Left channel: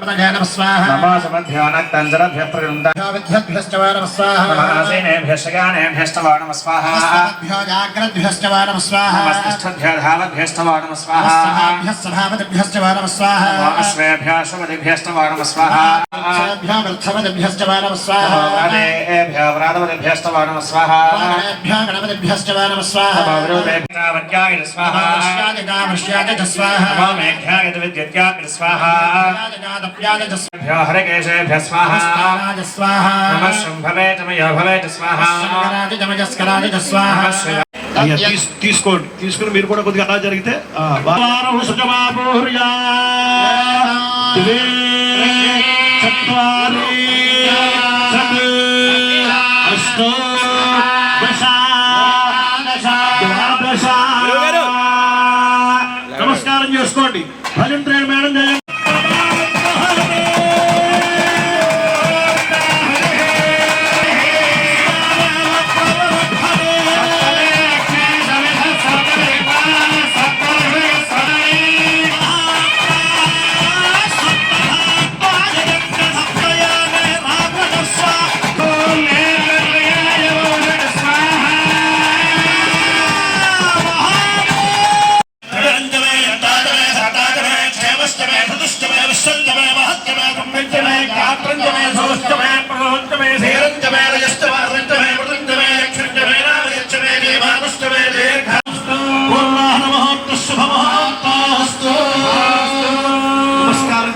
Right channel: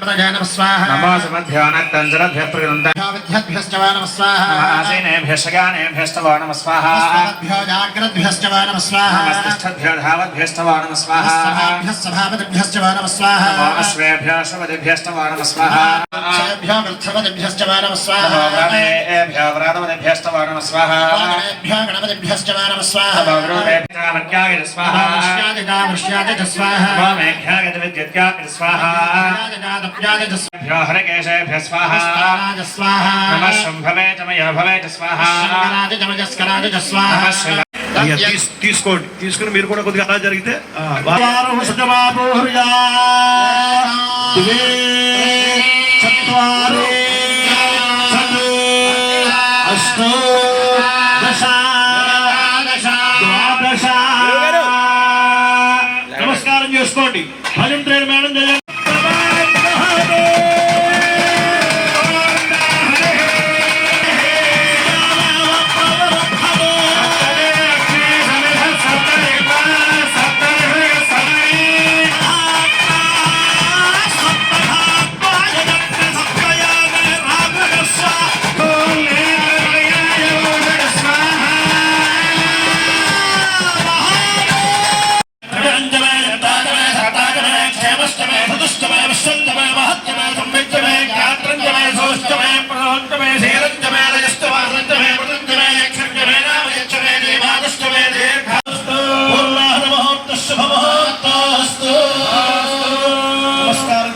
नमो समभ्यो नक्तञ्जलभ्यः प्रगृह्णन्ताभ्यश्च वा नमः स्वाहा नमासेनेभ्यश्च गानेभ्यश्च वा नमः स्वाहा नमस्भ्यो जाग्रद्भ्यश्च वा नमः स्वाहा नमस्तिष्ठद्भ्यो धावद्भ्यश्च वा नमः स्वाहा सभाभ्यश्च सभापतिभ्यश्च वा नमः स्वाहा अश्वेभ्यो अश्वपतिभ्यश्च वा नमः स्वाहा अश्वेभ्यो वृद्धपतिभ्यश्च वा नमः स्वाहा व्रातेभ्यो व्रातपतिभ्यश्च वा नमः स्वाहा गणेभ्यो गणपतिभ्यश्च वा नमः स्वाहा भवरूपेभ्यो वक्याय स्वाहा वृष्याय स्वाहा मेघ्याय विद्युत्याय स्वाहा भ्यो हरिकेशेभ्यः स्वाहा नमः शुम्भवे तमयो भवे स्वाहा తీసుకోండి తీసుకుని మీరు కూడా కొద్దిగా అలా జరిగితే నమస్కారం చేసుకోండి భజన మేడం చేయండి.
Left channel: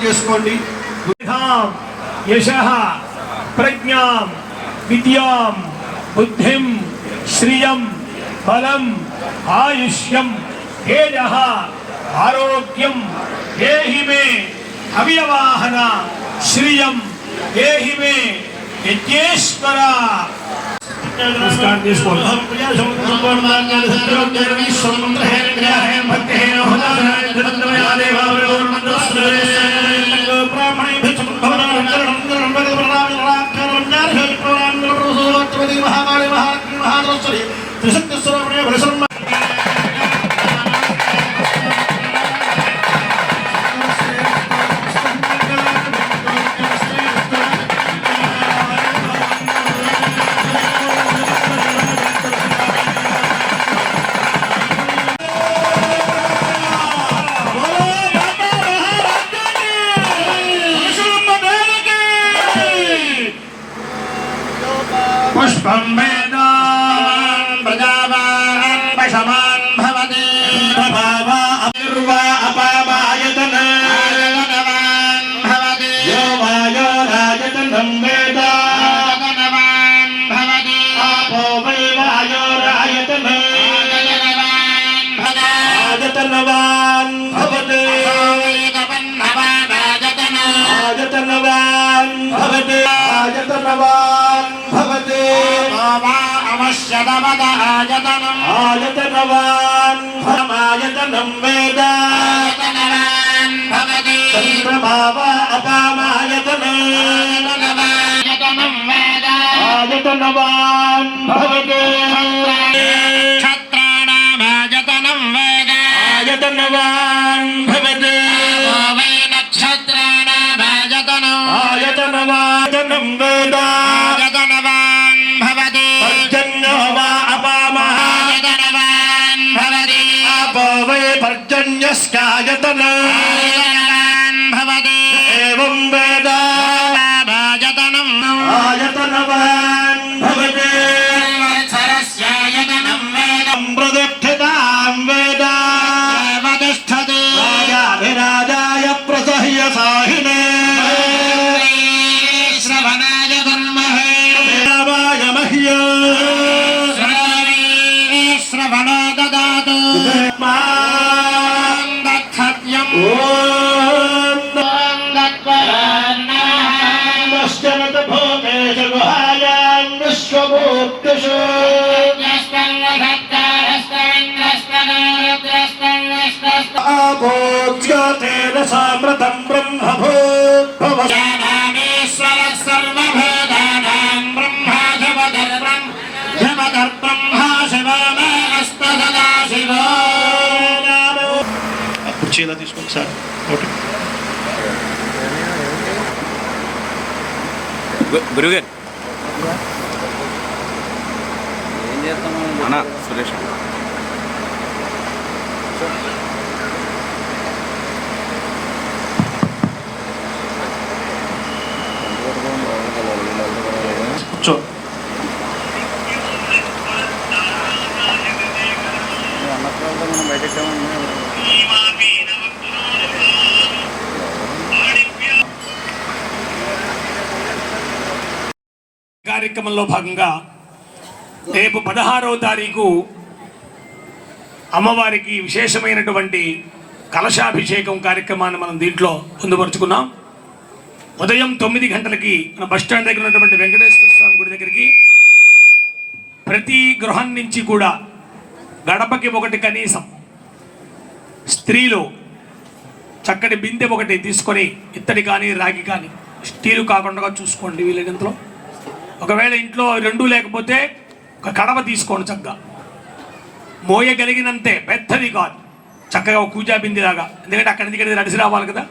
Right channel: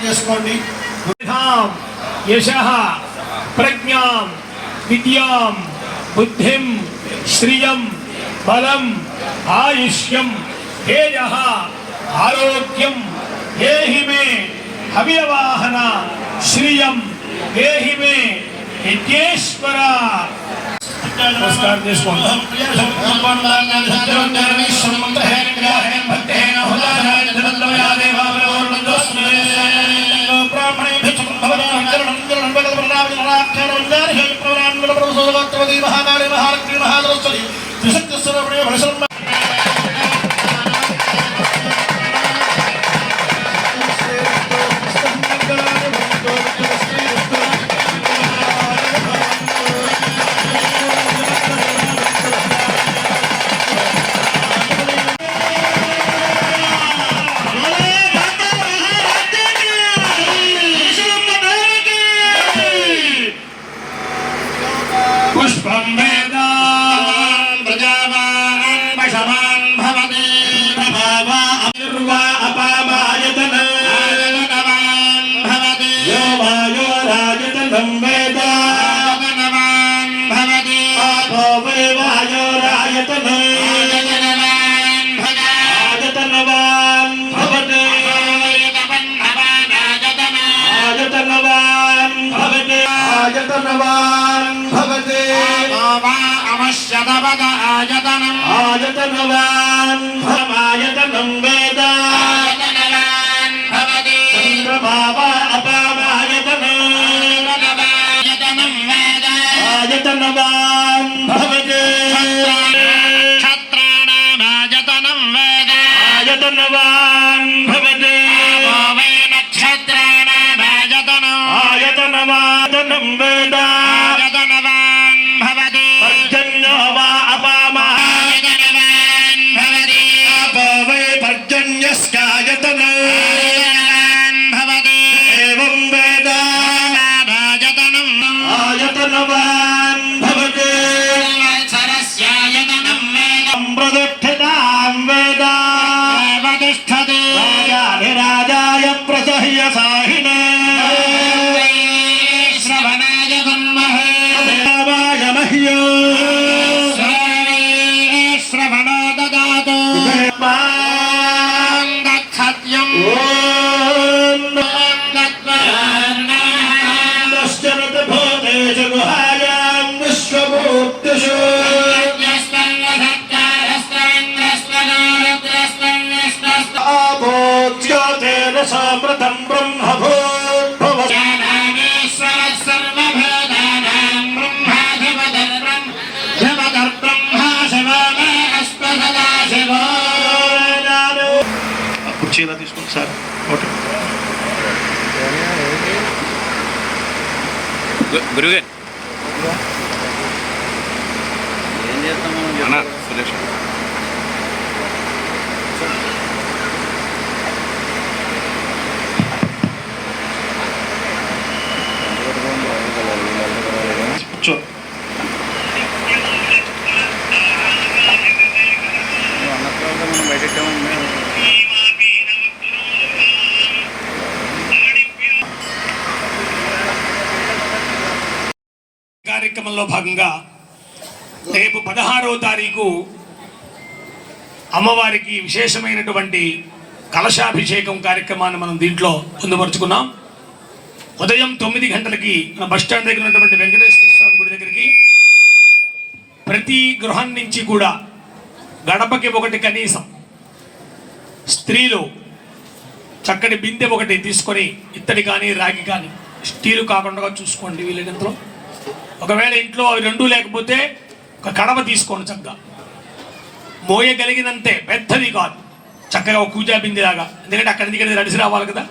చేసుకోండి. యశః ప్రజ్ఞాం విద్యాం బుద్ధిం శ్రియం బలం ఆయుష్యం తేజః ఆరోగ్యం దేహి మే అవ్యవాహన శ్రియం దేహి మే యజ్ఞేశ్వర. నమస్కారం చేసుకోండి. पुष्पं वेदान् प्रजावान् पशवान् भवति प्रभावा अपूर्वा अपामायतनायतनवान् भवति यो वायो राजतनं वेदा आयतनवान् भवति आपो वै वायो राजतनायतनवान् भवति आयतनवान् भवति आयतनवान् भवति आयतनवान् आयतनं वेदा आयतनवान् भवति चन्द्रभावा अपामायतनं वेदा आयतनवान् भवति क्षत्राणामायतनं वेदा आयतनवान् भवति नक्षत्राणामायतनं आयतनवायतनं वेदा आयतनवान् भवति पर्जन्यो वा अपामायतनवान् भवति आपो वै पर्जन्यस्कायतनं भवति एवं वेदा आयतनवान् भवति सरस्यायतनं वेदं प्रदुष्ठतां वेदा वतिष्ठति राजाधिराजाय प्रसह्य साहिने श्रवणाय तन्महे देवाय मह्यो श्रवणो ददातु गच्छत्यं नश्चरत भूतेषु गुहायां विश्वभूतेषु आभोज्योतेन सामृतं ब्रह्मभूद्भवति ज्ञानानीश्वरः सर्वभेदानां ब्रह्मा शिवो मे अस्तु सदा शिवो. కుర్చీలా తీసుకోండి సార్. ఓకే గురుగారు ఏం చేస్తాము అన్న సురేష్ కూర్చో. అన్న తర్వాత మనం బయటెట్టామండి కార్యక్రమంలో భాగంగా రేపు 16వ తారీఖు అమ్మవారికి విశేషమైనటువంటి కలశాభిషేకం కార్యక్రమాన్ని మనం దీంట్లో పొందుపరుచుకున్నాం. ఉదయం 9 గంటలకి మన బస్టాండ్ దగ్గర ఉన్నటువంటి వెంకటేశ్వర స్వామి గుడి దగ్గరికి ప్రతి గృహం నుంచి కూడా గడపకి ఒకటి కనీసం స్త్రీలు చక్కటి బిందె ఒకటి తీసుకొని ఇత్తడి కానీ రాగి కానీ స్టీలు కాకుండా చూసుకోండి వీళ్ళంతలో. ఒకవేళ ఇంట్లో అవి రెండూ లేకపోతే ఒక కడవ తీసుకోండి, చక్కగా మోయగలిగినంతే, పెద్దది కాదు, చక్కగా ఒక పూజా బిందెలాగా. ఎందుకంటే అక్కడి నుంచి నడిచి రావాలి కదా.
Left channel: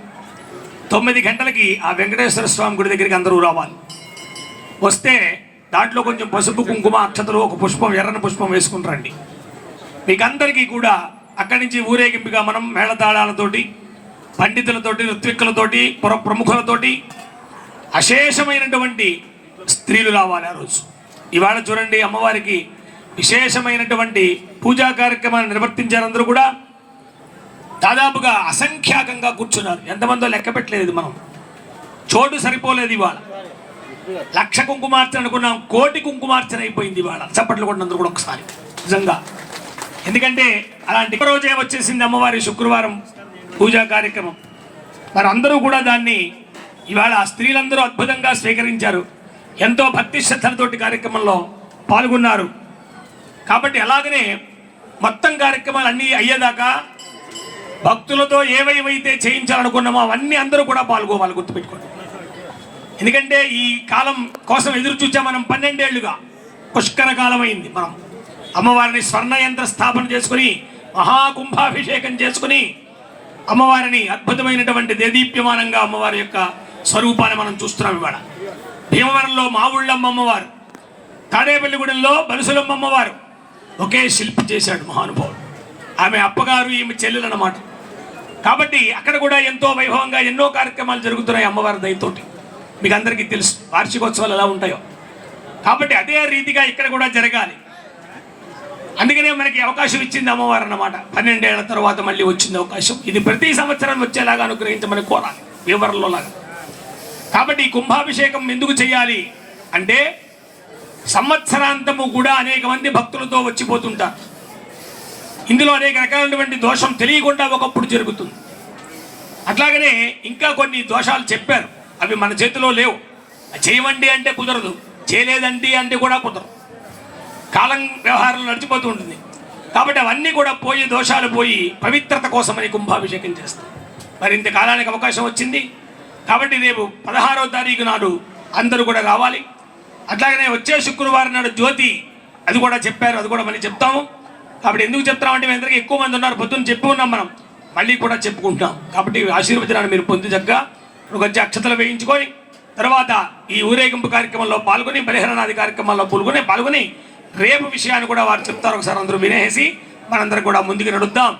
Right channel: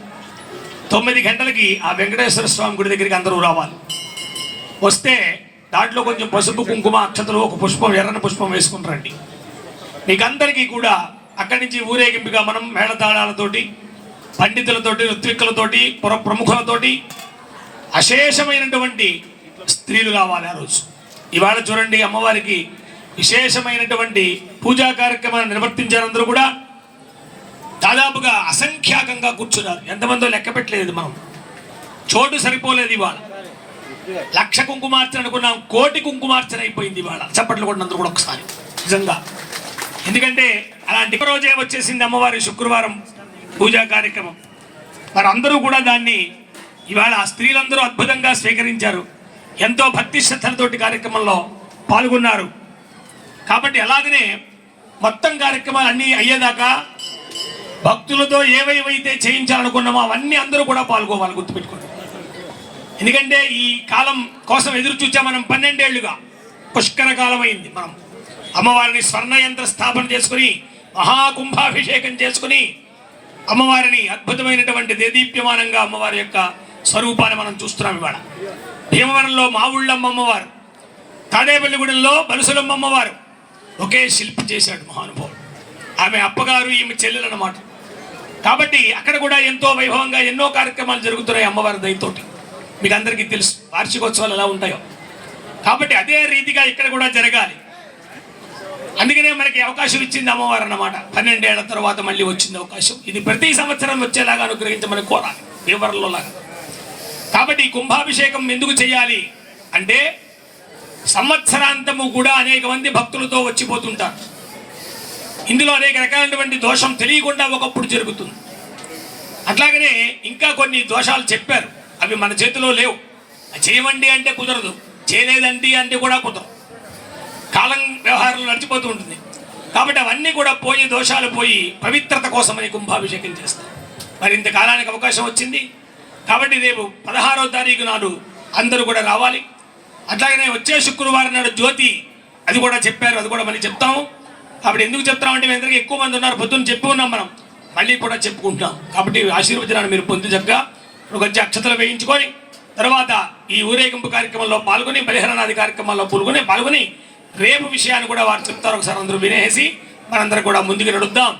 9 గంటలకి ఆ వెంకటేశ్వర స్వామి గుడి దగ్గరికి అందరూ రావాలి. వస్తే దాంట్లో కొంచెం పసుపు కుంకుమ అక్షతలు ఒక పుష్పం ఎర్రని పుష్పం వేసుకుని రండి. మీకందరికీ కూడా అక్కడి నుంచి ఊరేగింపుగా మనం మేళతాళాలతోటి పండితులతోటి ఋత్విక్కులతోటి ప్రముఖులతోటి అశేషమైనటువంటి స్త్రీలు రావాలి ఆ రోజు. ఇవాళ చూడండి అమ్మవారికి విశేషమైనటువంటి పూజా కార్యక్రమాన్ని నిర్వర్తించారు. అందరూ కూడా దాదాపుగా అసంఖ్యాకంగా కూర్చున్నారు. ఎంతమందో లెక్క పెట్టలేదు మనం, చోటు సరిపోలేదు. ఇవాళ 1,00,000 కుంకుమార్చన అనుకున్నాం, 1,00,000 కుంకుమార్చన అయిపోయింది ఇవాళ. చప్పట్లు కొట్టినందుకు కూడా ఒకసారి నిజంగా. ఎందుకంటే అలాంటి రోజే వచ్చేసింది అమ్మవారి శుక్రవారం పూజా కార్యక్రమం. మరి అందరూ కూడా దాన్ని ఇవాళ స్త్రీలందరూ అద్భుతంగా స్వీకరించారు. ఎంతో భక్తి శ్రద్ధలతోటి కార్యక్రమంలో పాల్గొన్నారు. కాబట్టి అలాగనే మొత్తం కార్యక్రమాలు అన్నీ అయ్యేదాకా భక్తులతో ఏవైతే చేయించాలనుకున్నామో అవన్నీ అందరూ కూడా పాల్గొవాలి, గుర్తుపెట్టుకోండి. ఎందుకంటే ఈ కాలం కోసం ఎదురు చూచా మనం 12 ఏళ్లుగా. పుష్కర కాలం అయింది. మనం అమ్మవారిని స్వర్ణయంత్ర స్థాపన చేసుకుని మహాకుంభాభిషేకం చేసుకుని అమ్మవారిని అద్భుతమైనటువంటి దేదీప్యమానంగా అమ్మవారి యొక్క స్వరూపాన్ని మనం చూస్తున్నాం. ఇవాళ భీమవరంలో మావుళ్ళమ్మ అమ్మవారు, తాడేపల్లిగూడెంలో బలుసులమ్మ అమ్మవారు ఒకే శిల్పి చేశాడు మహానుభావుడు. ఆమె అప్పగారు, ఈమె చెల్లెలు అన్నమాట. కాబట్టి అక్కడ కూడా ఎంతో వైభవంగా ఎన్నో కార్యక్రమాలు జరుగుతున్నాయి అమ్మవారి దయతోటి. మీకు అందరికీ తెలుసు వార్షికోత్సవాలు ఎలా ఉంటాయో. కాబట్టి అదే రీతిగా ఇక్కడ కూడా జరగాలి. అందుకనే మనకి అవకాశం ఇచ్చింది అమ్మవారు అన్నమాట. 12 ఏళ్ల తర్వాత మళ్ళీ వచ్చింది అవకాశం. ఇది ప్రతి సంవత్సరం వచ్చేలాగా అనుగ్రహించమని కోరాలి వివరంలో లాగా. కాబట్టి ఈ కుంభాభిషేకం ఎందుకు చేయాలి అంటే సంవత్సరాంతము కూడా అనేక మంది భక్తులతో వచ్చిపోతుంటారు. ఇందులో అనేక రకాలైనటువంటి దోషం తెలియకుండా ఒకప్పుడు జరుగుతుంది. అట్లాగనే ఇంకా కొన్ని దోషాలు చెప్పారు, అవి మన చేతిలో లేవు. చేయమండి అంటే కుదరదు, చేయలేదండి అంటే కూడా కుదరదు. కాలం వ్యవహారం నడిచిపోతూ ఉంటుంది. కాబట్టి అవన్నీ కూడా పోయి, దోషాలు పోయి పవిత్రత కోసమని కుంభాభిషేకం చేస్తాం. మరి ఇంతకాలానికి అవకాశం వచ్చింది కాబట్టి రేపు 16వ తారీఖు నాడు అందరూ కూడా రావాలి. అట్లాగనే వచ్చే శుక్రవారం నాడు జ్యోతి, అది కూడా చెప్పారు, అది కూడా మళ్ళీ చెప్తాము. కాబట్టి ఎందుకు చెప్తామంటే మీ అందరికీ ఎక్కువ మంది ఉన్నారు, పొద్దున్న చెప్పు ఉన్నాం, మనం మళ్ళీ కూడా చెప్పుకుంటున్నాం. కాబట్టి ఆశీర్వచనాన్ని మీరు పొంది చక్కగా కొంచెం అక్షతలు వేయించుకొని తర్వాత ఈ ఊరేగింపు కార్యక్రమంలో పాల్గొని బలిహరణాది కార్యక్రమాల్లో పాల్గొని రేపు విషయాన్ని కూడా వారు చెప్తారు. ఒకసారి అందరూ వినేసి మనందరం కూడా ముందుకు నడుద్దాం.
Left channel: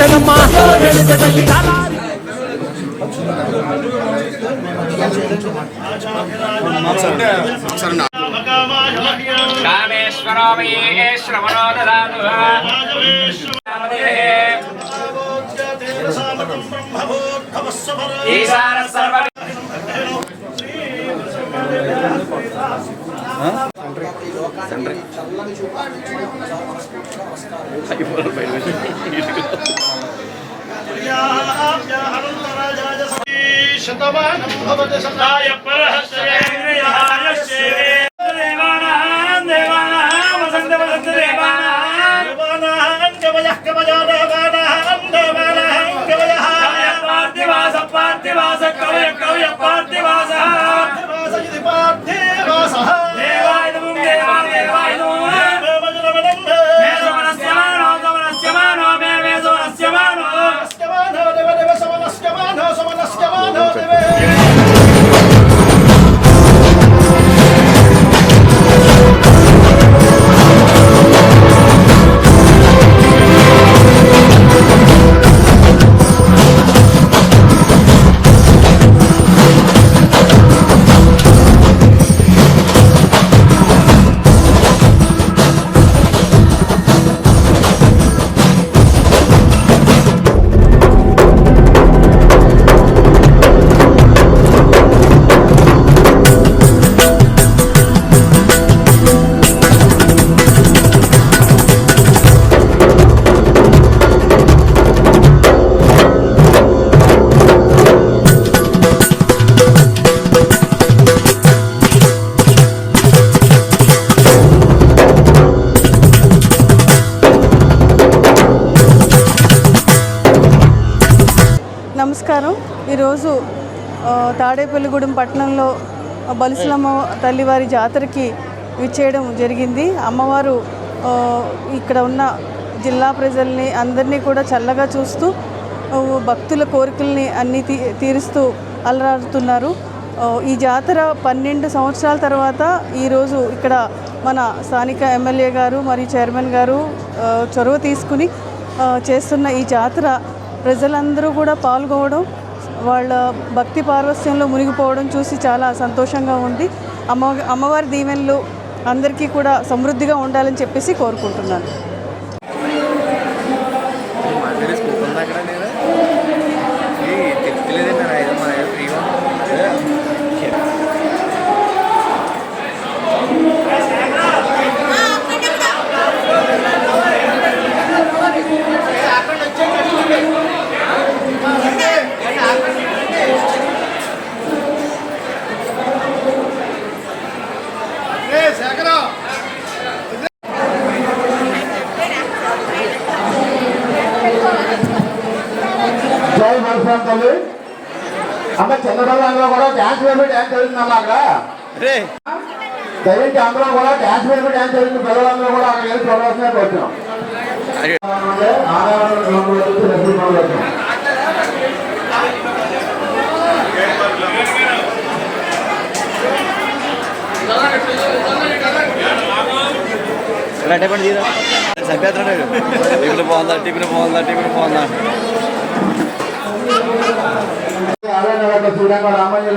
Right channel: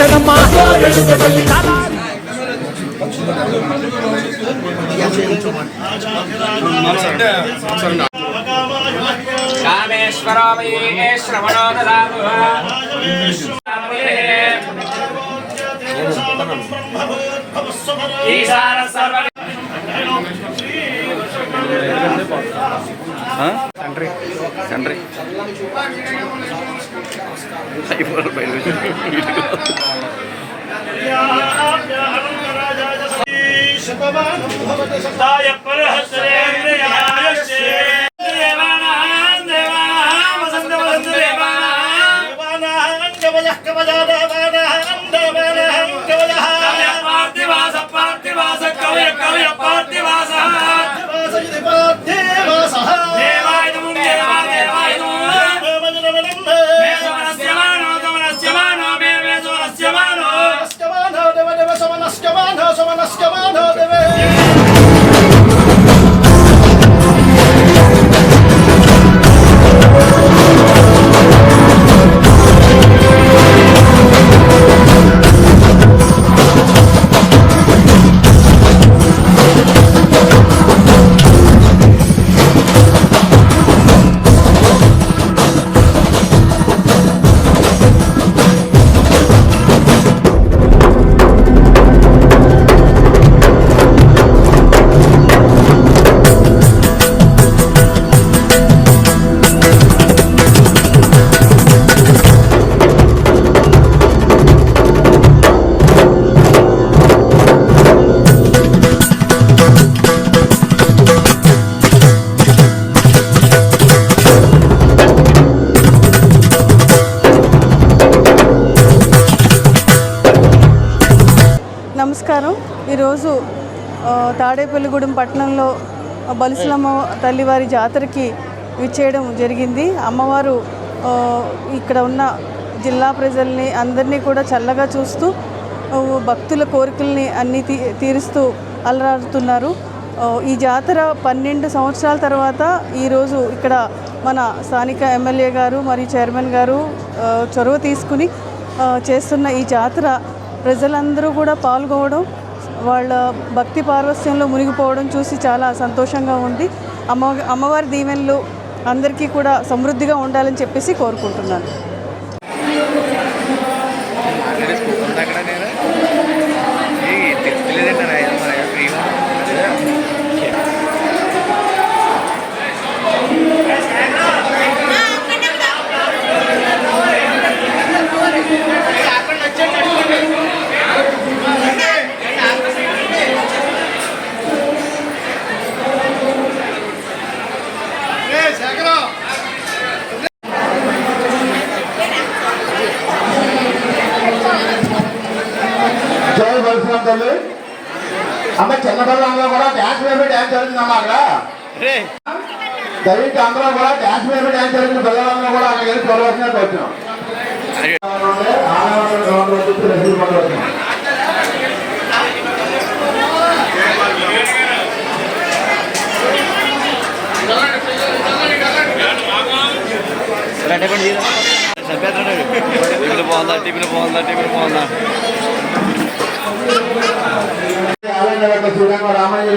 శరణమ్మా. కామేశ్వరో వై శ్రవణో దదాతు ఈశాన సర్వ తండ్రి శతమానం భవతి శతాయ పరహస్రేంద్రియాయస్య దేవానాం దేవానాం వసంతవసంత దేవానాం దేవానాం కవయః కవయా దేవానాం దేవానాం కవయః పార్థివాస పార్థివాస కవయ కవయ పార్థివాస పార్థివాస ఇది పార్థివాస దేవాయుధం దేవాయుధం నమస్కారం. ఈరోజు తాడేపల్లిగూడెం పట్టణంలో బలిసలమ్మ తల్లివారి జాతరకి విచ్చేయడం జరిగింది. అమ్మవారు ఇక్కడ ఉన్న జిల్లా ప్రజల్ని అందరినీ కూడా చల్లగా చూస్తూ భక్తుల కోరికల్ని అన్నీ తీరుస్తూ అలరాడుతున్నారు. ఈ జాతర 12 సంవత్సరాల తర్వాత ఈరోజు ఇక్కడ మన స్థానిక ఎమ్మెల్యే గారు మరియు చైర్మన్ గారు చొరవ తీసుకుని చేస్తున్న ఈ జాతర ప్రజలందరూ కూడా పాల్గొనడం, వాళ్ళ భక్తి పార్వస్యంలో మునిగిపోవడం చూసి చాలా సంతోషంగా ఉంది. అమ్మవారి దీవెనలు అందరికీ కూడా సమృద్ధిగా ఉండాలని చెప్పేసి కోరుకుంటున్నాను. జై బలిసలమ్మ తల్లి. అమ్మ చిన్నపిల్లలంలో కూడా డ్యాన్స్ వేసి డ్యాన్స్ జరుగుతుందమ్మా అక్కడ. దయచేసి అందరూ కూడా డ్యాన్స్ వేసి డ్యాన్స్ జరుగుతున్న పిల్లలందరూ కూడా అక్కడికి వెళ్ళి చూడవలసిన వచ్చాం. టిఫిన్ బాగుందా టిఫిన్ బాగుందా టిఫిన్ బాగుందా శ్రీరంగ రామయ్య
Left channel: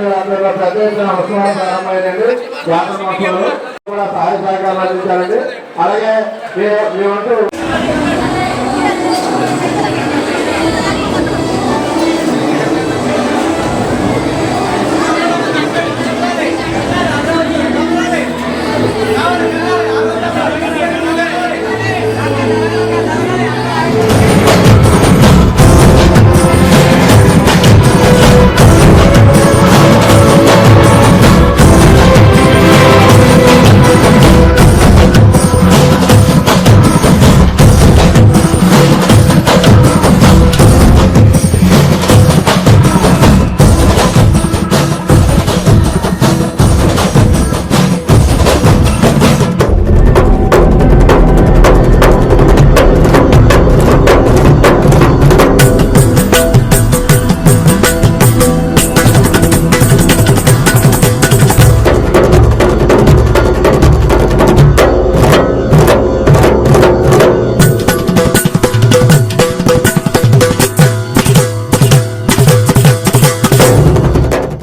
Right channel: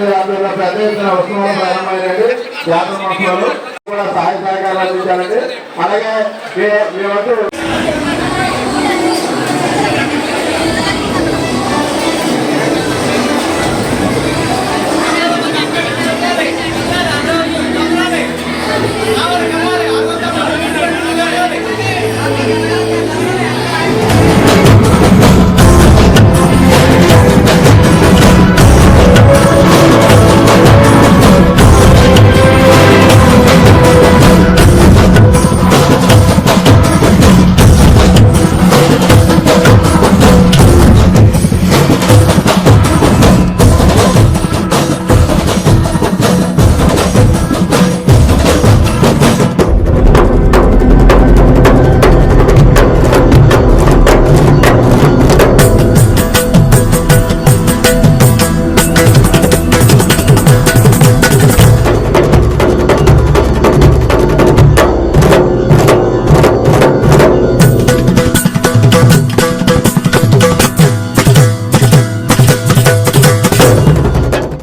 ప్రదేశం వస్తున్నాడు ప్రారంభమైనది. యాత్ర మాసంలో కూడా సహాయ సహకారాలు అందించాలండి. అలాగే మీ వంతు